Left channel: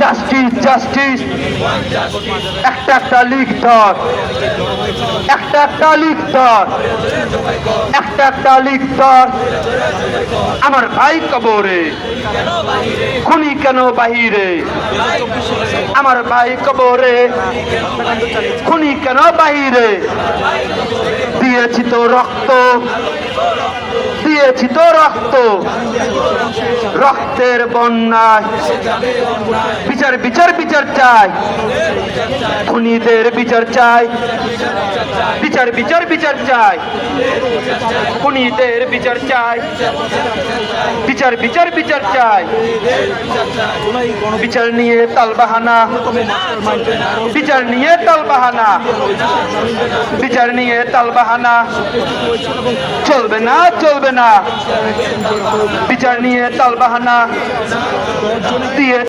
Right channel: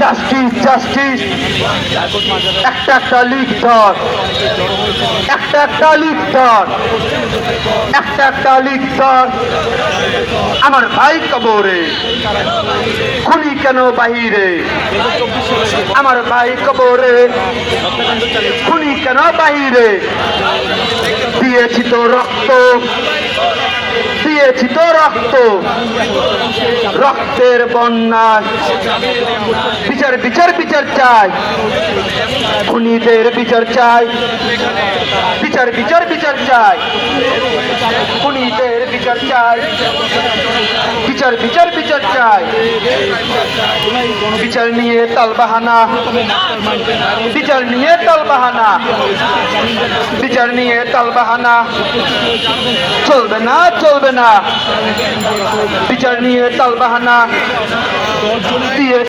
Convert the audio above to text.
Justice justice একটা একটা লিখ ধর, একটা একটা লিখ ধর, একটা একটা লিখ ধর। আমার ভাই কবরে, খুনি কেন বাহিরে? আমার ভাই কবরে, খুনি কেন বাহিরে? দিয়েছি তো রক্ত, দিয়েছি তো রক্ত, রক্তের বন্যায় বিচার বিচার বিচার চাই, খুনিদের বিচার চাই, বিচার বিচার বিচার চাই, খুনিদের বিচার চাই, বিচার বিচার বিচার চাই। বিচার নিয়ে তালবাহানা, বিচার নিয়ে তালবাহানা, বিচার নিয়ে তালবাহানা চলবে না চলবে না। বিচার নিয়ে তালবাহানা দিয়ে